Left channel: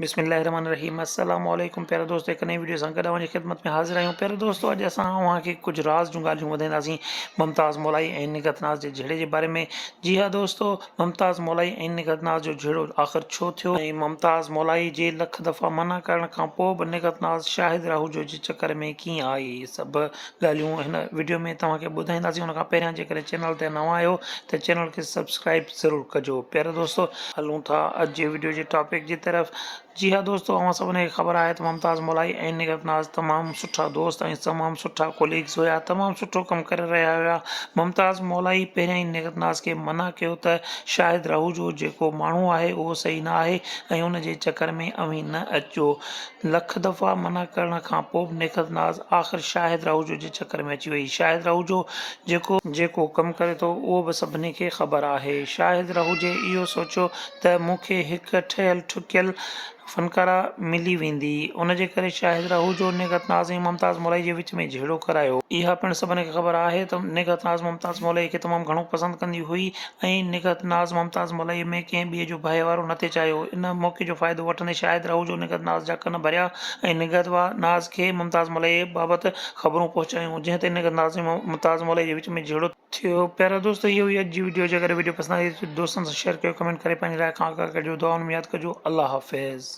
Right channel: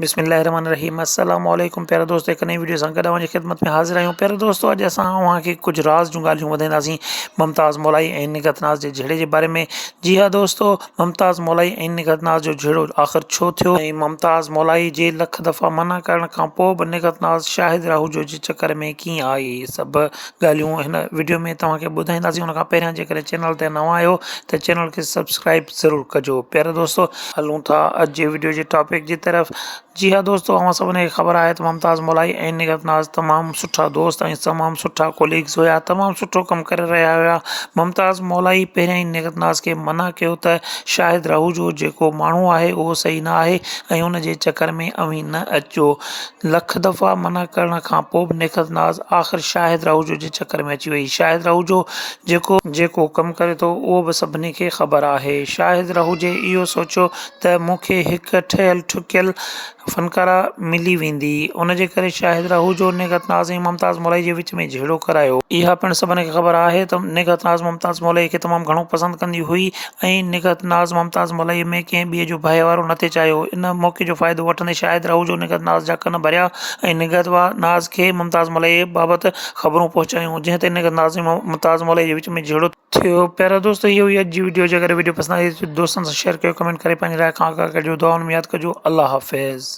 बिस्मिल्लाहिर्रहमानिर्रहीम अस्सलाम वालेकुम प्यारे दोस्तों, एक नई वीडियो सां गॾु जी ख़िदमत में हाज़िर आहियूं। प्यारे दोस्तों, अॼु असां तव्हांखे कुझु राज़ जूं ॻाल्हियूं ॿुधाईंदासीं मुमताज़ मौलाई ऐं निगहत नाज़ जे झेड़े जे बारे में। जी हाँ दोस्तों, मुमताज़ मौलाई ऐं निगहत नाज़ जो झेड़ो आख़िर छो थियो ऐं मुमताज़ मौलाई जे लख दफ़ा मना करण खां पोइ बि निगहत नाज़ शाहिद राहूजो जे चकर में कीअं आई, सभु ॻाल्हियूं हिन वीडियो में तव्हांखे ॿुधाईंदासीं। उन खां पहिरियां जेकॾहिं चैनल ते नवां आहियो त चैनल खे सब्सक्राइब ज़रूरु कजो। प्यारे दोस्तों, हलूं था अॼु जे वीडियो जे टॉपिक जी तरफ़। जी हाँ दोस्तों, अवां सभिनी खे ख़बर आहे त मुमताज़ मौलाई ऐं निगहत नाज़ तमामु सुठा दोस्त ऐं तमामु सुठा कोलीग्स हुआ, तमामु सुठो कमु करे रहिया हुआ। मुमताज़ मौलाई पहिरियां ई निगहत नाज़ खे मना कयो त शाहिद राहूजो जेको माण्हू आहे उहो सही न आहे ऐं उन जे चकर में अवी न अचो। लख दफ़ा मना करण खां पोइ बि निगहत नाज़ आख़िर शाहिद राहूजो जे चकर में अची वई। शाहिद राहूजो जेको कमु करे थो उहो बि सभिनी खे ख़बर आहे। शाहिद राहूजे इहो सोचियो त मूंखे हिकु ठहियलु ठुकियल फ़नकारा मिली वेंदी, उन जे करे शाहिद राहूजो निगहत नाज़ ऐं मुमताज़ मौलाई जे विच में झेड़ो करायो। इहा पिणु सभिनी खे ख़बर आहे त निगहत नाज़ मुमताज़ मौलाई खे तमामु घणो पसंदि कंदी हुई ऐं निगहत नाज़ मुमताज़ मौलाई में कंहिं ॿिए जो भाई वारो न थिए चाहियो। इन मौक़े जो फ़ाइदो वठंदे शाहिद राहूजो निगहत नाज़ जा कन भरिया ऐं निगहत नाज़ खे मुमताज़ मौलाई बाबति ख़बरूं पहुचायूं, जंहिं ते निगहत नाज़ ऐं मुमताज़ मौलाई जे विच में झेड़ो थियो। प्यारा दोस्तों, इहो ई अॼु जी वीडियो। जे अगरि वीडियो पसंदि आई त दोस्तनि सां शेयर कयो, कमेंट करे पंहिंजी राय खां आगाह कजो, दुआउनि में यादि कजो। अल्लाह हाफ़िज़।